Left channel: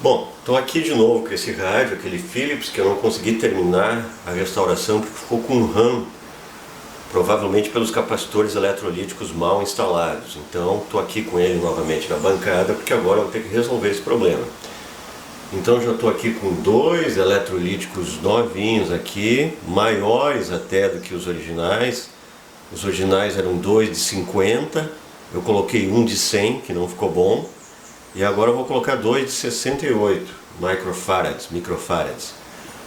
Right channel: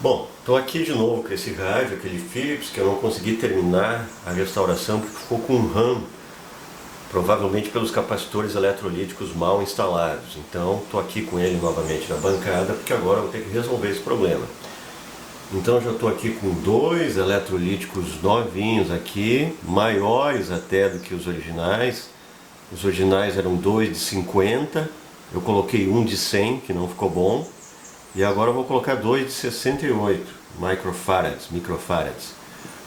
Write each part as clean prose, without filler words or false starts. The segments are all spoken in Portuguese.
Bom, estou aqui de novo com esse rádio, aquele Philips, que eu não consegui terminar a restauração, porque ficou com um RAM, provavelmente pelos capacitores eletrolíticos mal instalados. Então estou aqui com ele novamente na bancada, porque agora eu vou ter que resolver esse problema. Então já estou aqui com dois eletrolíticos novinhos aqui, maiores até do que os originais. Os originais eram dois de 50, eu coloquei um de 100, que não ficou bom. E agora eu vou colocar dois de 68 microfarads.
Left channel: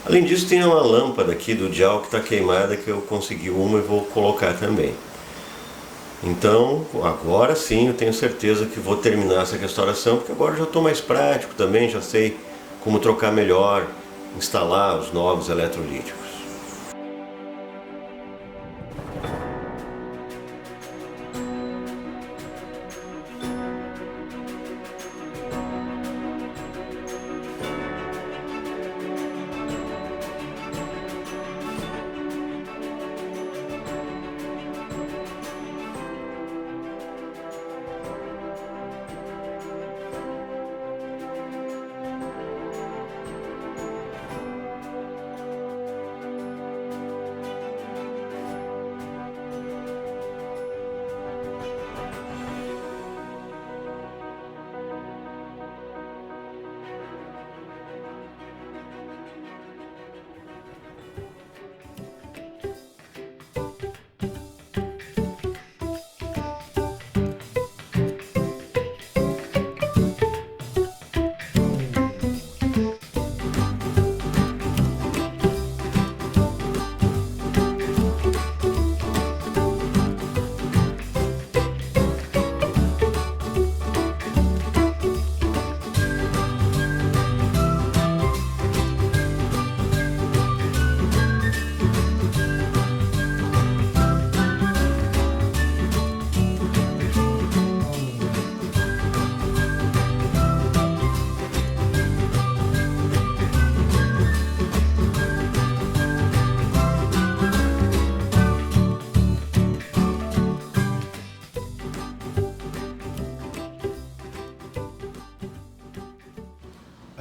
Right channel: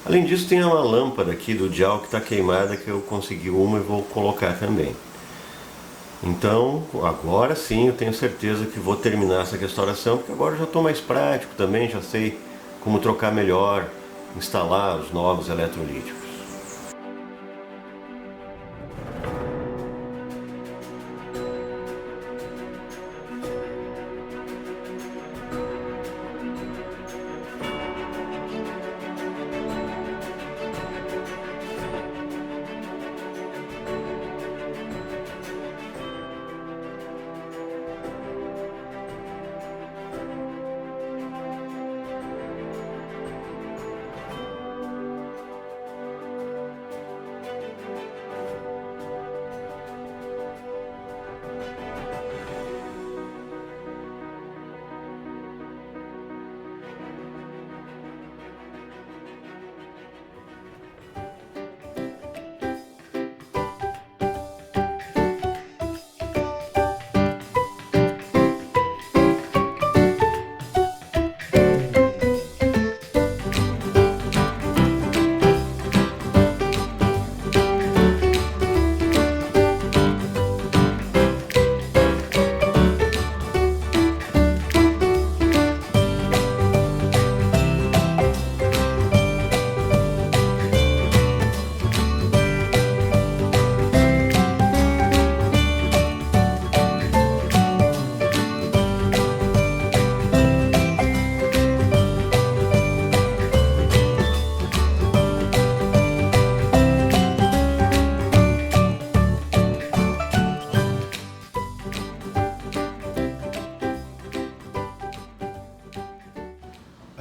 Além disso, tem uma lâmpada aqui do dial que está queimada, que eu consegui uma e vou colocar também. Então, agora sim eu tenho certeza que vou terminar essa restauração, porque agora já estou mais prático também, já sei como trocar melhor, instalar os novos eletrolíticos.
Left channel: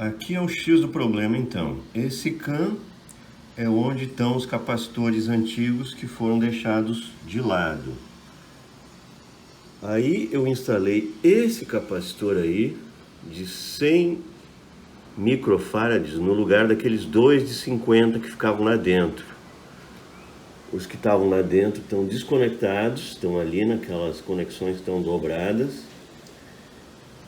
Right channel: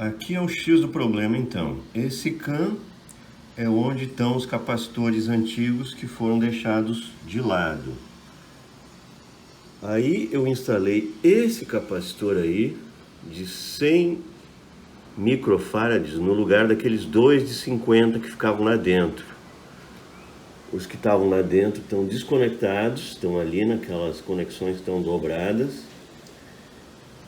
Aqui é o X do problema então. Esse CAN é onde estão os capacitores antigos que foram deixados de lado. Aí eu instalei esse capacitor aí de 100 microfarads no lugar daqueles dois de 50 que ficavam lá dentro. Os que estavam lá dentro estão desconectados, estão ali naquelas conexões que estão dobradas.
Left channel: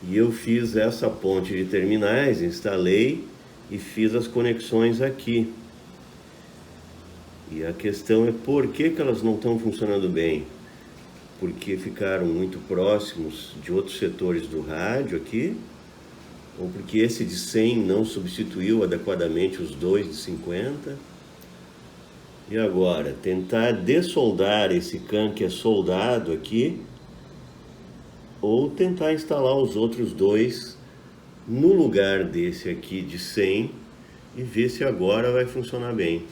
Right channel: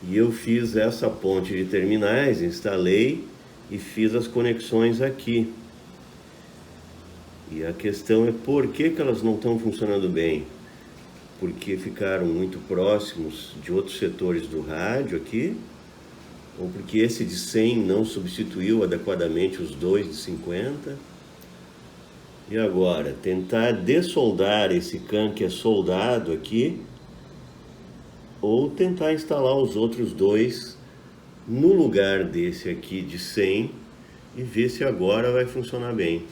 E eu fiz essa ponte de terminais, instalei e fiz as conexões aqui. E a questão é por que elas não estão funcionando bem? Porque ficaram muito próximos de outros setores do rádio aqui? Ou porque esse de 100 não substituiu adequadamente os dois de 50? E agora, tentar dessoldar esse CAN que é soldado aqui, ou tentar instalar os outros dois no lugar desse aqui de 100 e ver se agora vai funcionar bem.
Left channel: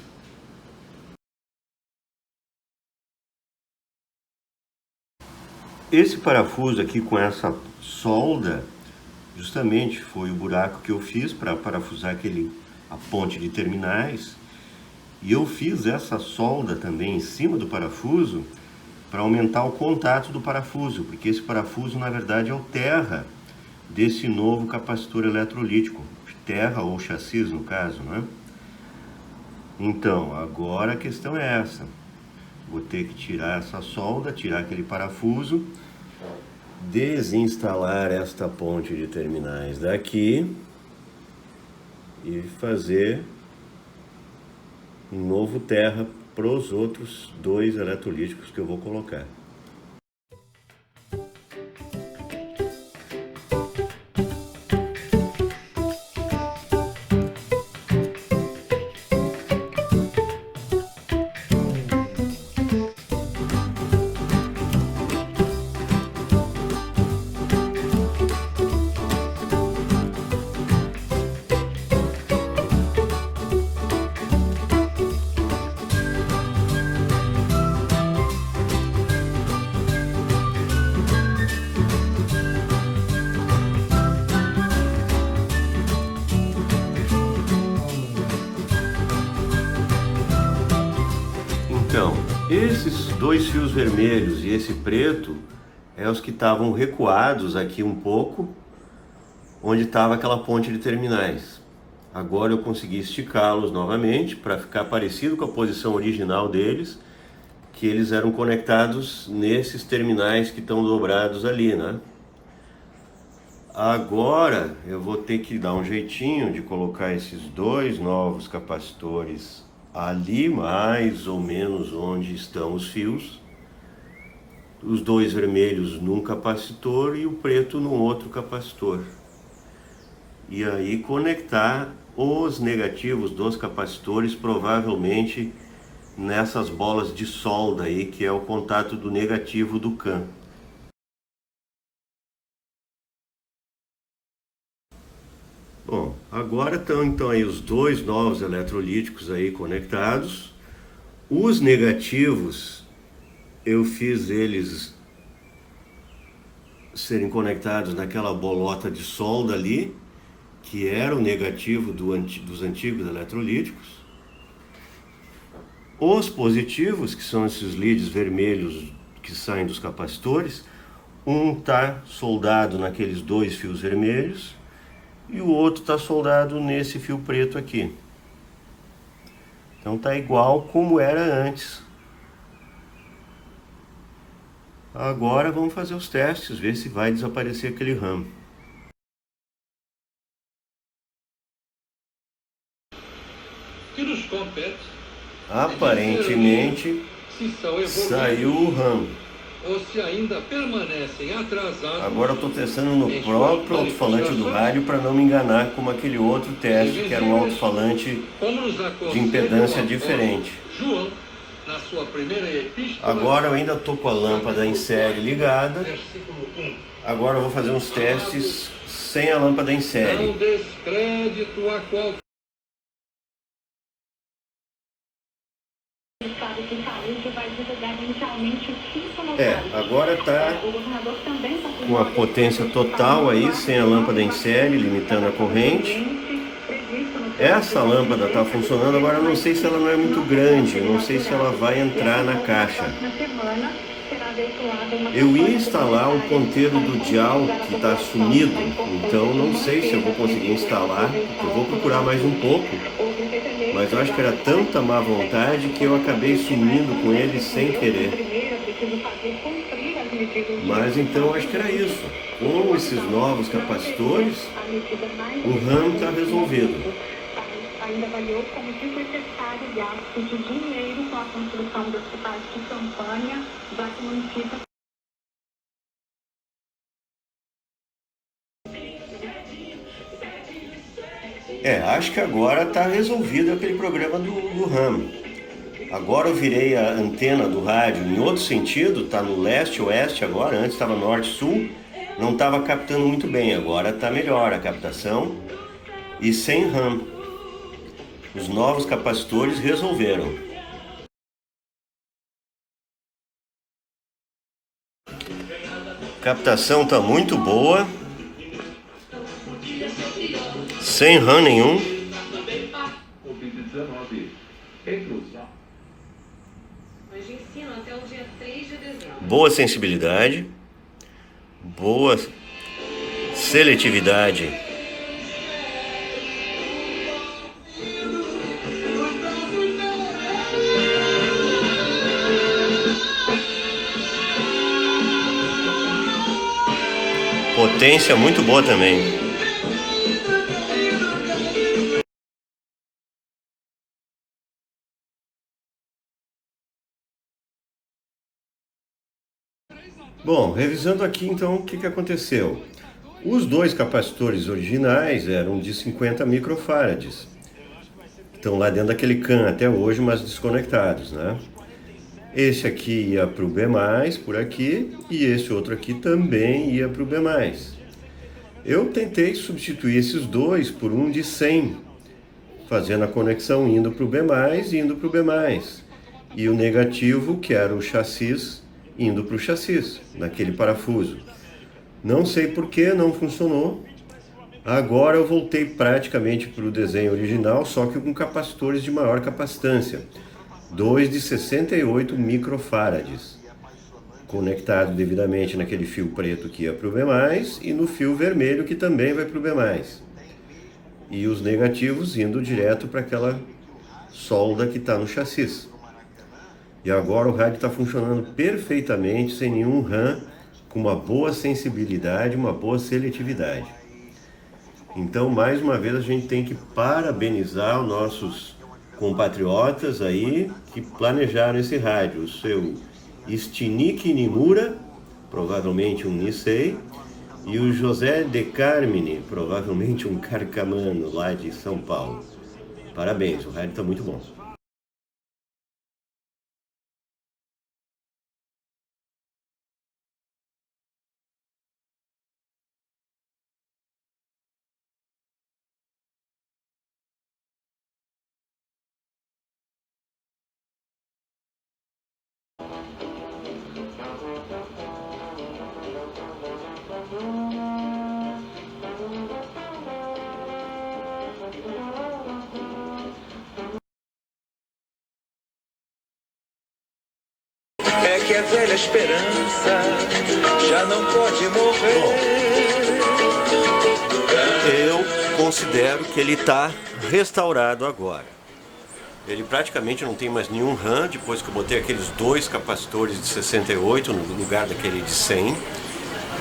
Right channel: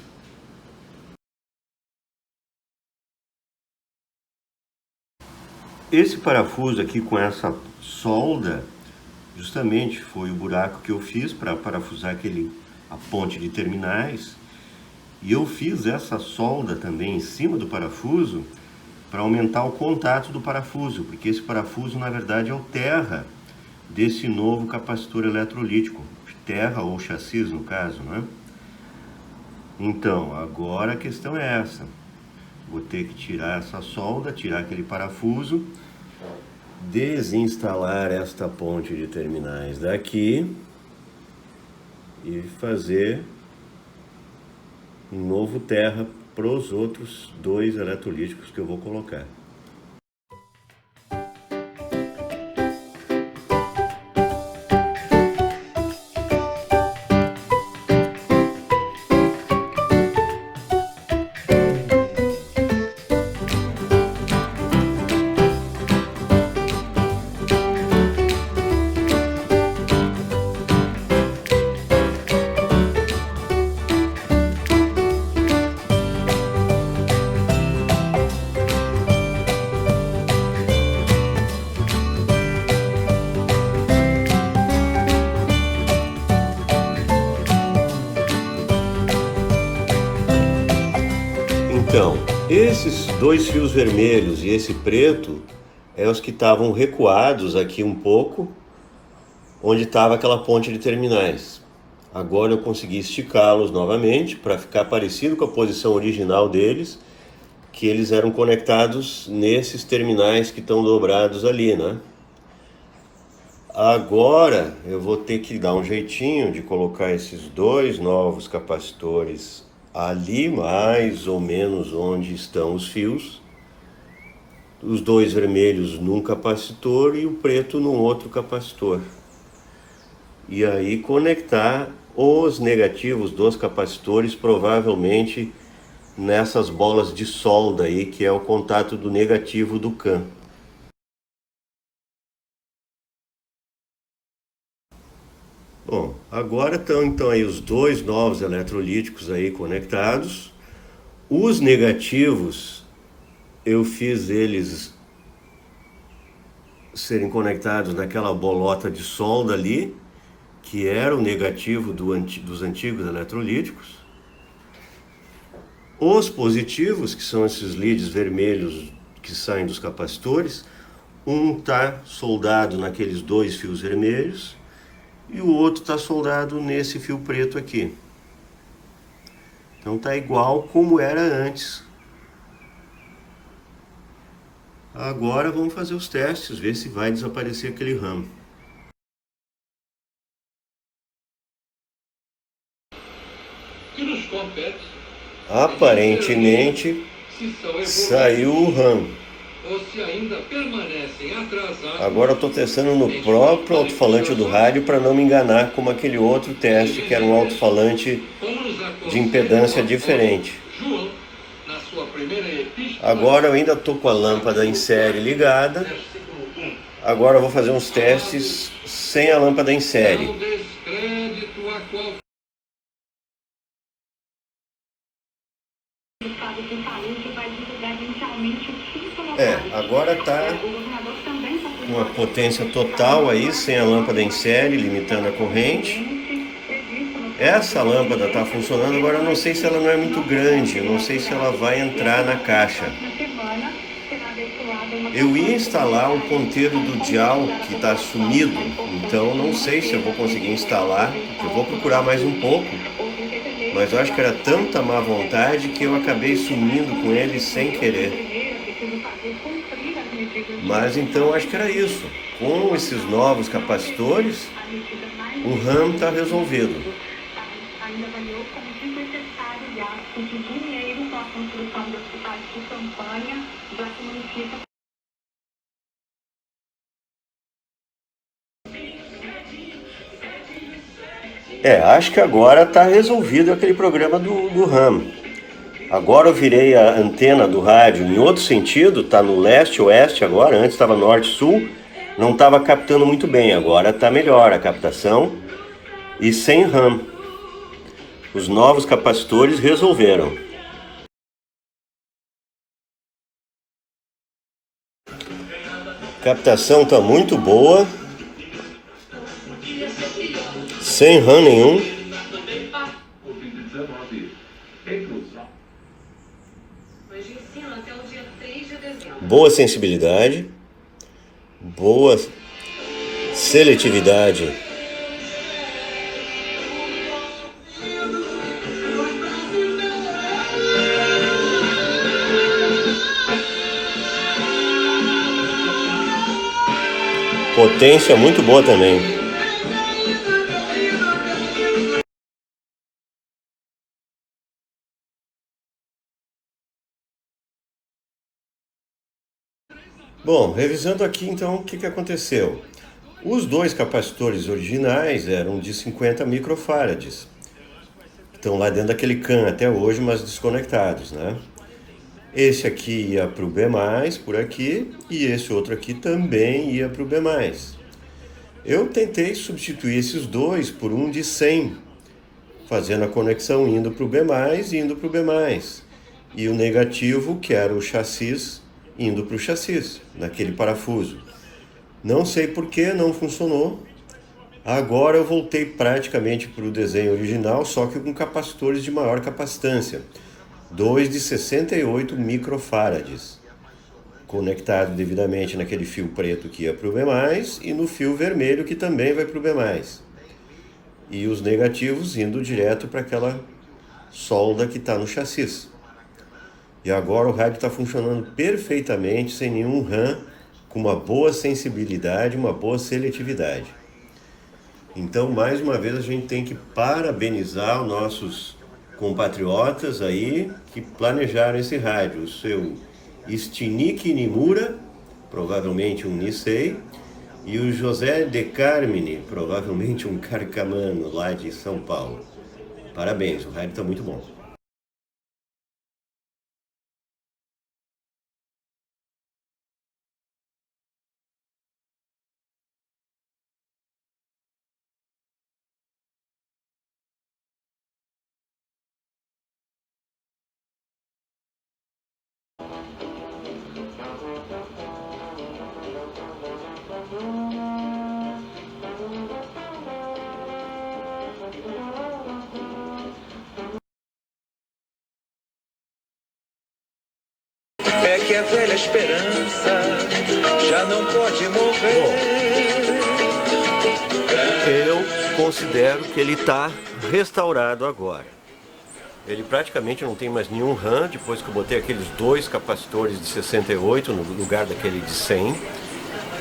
Esse parafuso aqui com essa solda, justamente foi o buraco que eu fiz para parafusar a ponte de terminais. E eu fiz essa solda também em cima do parafuso para aumentar o contato do parafuso, porque esse parafuso na verdade é o terra desse novo capacitor eletrolítico, terra ou chassi no caso, né? Então, agora a questão é essa. Vou ter que tirar essa solda, tirar aquele parafuso, desinstalar esta ponte de terminais daqui e fazer um novo terra para os outros dois eletrolíticos que eu vou colocar. Então, esses dois fios vermelhos e esse preto é os que estavam recuados aqui um pouco, onde estava aquela ponte de terminais. Agora eu consegui esticá-los novamente para ficar parecido com a posição original deles, que eles eram conectados nesses terminais que estão dobrados ali, né? Agora eu vou ter que dar um jeitinho de colocar esses dois novos capacitores ali, mais ou menos onde estão os fios. Os dois vermelhos num capacitor e o preto num outro capacitor. E aí conectar os negativos dos capacitores, provavelmente nessas bolas de solda aí, que é o contato do negativo do CAN. Bom, agora estão então aí os dois novos eletrolíticos aí conectados. Os negativos, eu fiz eles serem conectados naquela bolota de solda ali, que era o negativo dos antigos eletrolíticos. Os positivos, que são esses leads vermelhos que saem dos capacitores, um está soldado naqueles dois fios vermelhos e o outro está soldado nesse fio preto aqui. Então está igual como era antes. Agora vamos fazer os testes, ver se vai desaparecer aquele RAM. Aparentemente saiu o RAM. Agora eu estou testando no próprio alto-falante do rádio para não me enganar como aquele outro teste que era um alto-falante de impedância diferente. Agora eu ainda estou com a lâmpada em série ligada. Agora eu vou fazer uns testes sem a lâmpada em série. Agora está com a potência total aí, sem a lâmpada em série, limitando a corrente. Essa lâmpada está funcionando, agora eu não sei se ela não é muito grande, eu não sei se ela vai entrar na caixa. Eu ia instalar um ponteiro do dial que está sumido, então não sei se eu vou conseguir instalar, eu vou procurar mais um pouco. Mas eu acho que era tanta má vontade que eu acabei sumindo com ele sem querer. Mas então acho que era isso. Com esses novos capacitores, o RAM está resolvido. Ainda avaliou como desnecessário gasto de dinheiro com a construção do hospital de campanha, já que o município... Acho que agora está resolvido aquele problema do RAM. Agora eu virei a antena do rádio em outro sentido, está no leste-oeste agora, antes estava norte-sul, não estava captando muito bem, agora está melhor a captação e sem RAM. Os novos capacitores resolveram. A captação está muito boa, sem RAM nenhum. Boa sensibilidade, boa seletividade. Potência muito boa também. Bom, revisando aqui então o que aconteceu. Os dois capacitores originais eram de 50 microfarads. Estão lá dentro daquele CAN até hoje, mas desconectados, né? Esse aqui ia para o B+, por aqui, e esse outro aqui também ia para o B+. Eu tentei substituir esses dois por um de 100, fazendo a conexão indo para o B+, e indo para o B+. E o negativo, que era o chassis, indo para o chassis, naquele parafuso. Não sei por que não funcionou. Agora eu voltei praticamente para o desenho original, só que com capacitores de maior capacitância. dois de 68 microfarads, conectado devidamente naquele fio preto que ia para o B+, e no fio vermelho que também vai para o B+. E os negativos indo direto para aquela solda que está no chassi. E agora o rádio está funcionando perfeitamente, sem nenhum RAM, com uma boa sensibilidade, uma boa seletividade. Então, mais uma vez, a gente tem que parabenizar os nossos compatriotas aí que planejaram esse rádio. O seu Stinik Nimura, provavelmente um Nisei, e o José de Carmine, provavelmente um carcamano lá de São Paulo. Parabéns, o rádio está muito bom. É que a velha esperança já não pode morrer. Eu considero que ele está restaurado agora. Ele praticamente não tem mais nenhum RAM, depois que eu botei aqueles dois capacitores de 68 no lugar daquele de 100.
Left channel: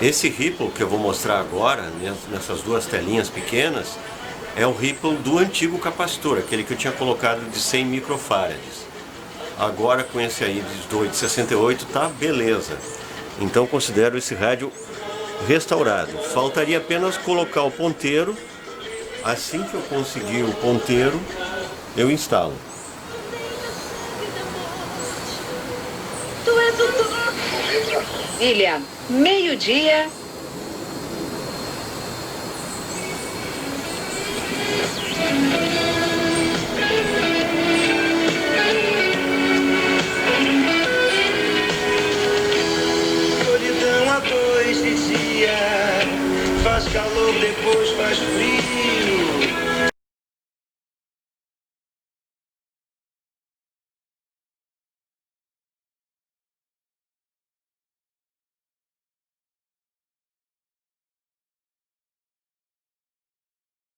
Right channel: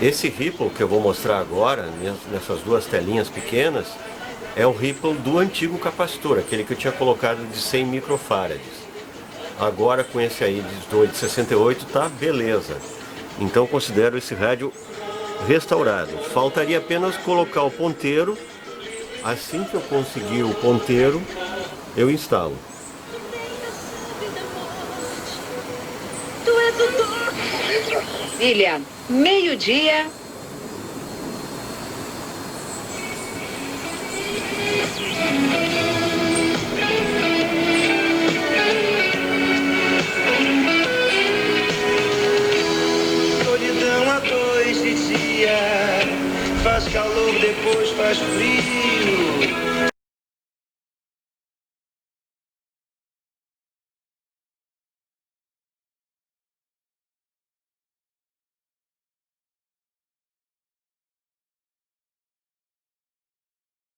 Esse Ripple que eu vou mostrar agora, nessas duas telinhas pequenas, é o Ripple do antigo capacitor, aquele que eu tinha colocado de 100 microfarads. Agora com esse aí de 68 tá beleza. Então considero esse rádio restaurado. Faltaria apenas colocar o ponteiro. Assim que eu conseguir o ponteiro, eu instalo. William, meio-dia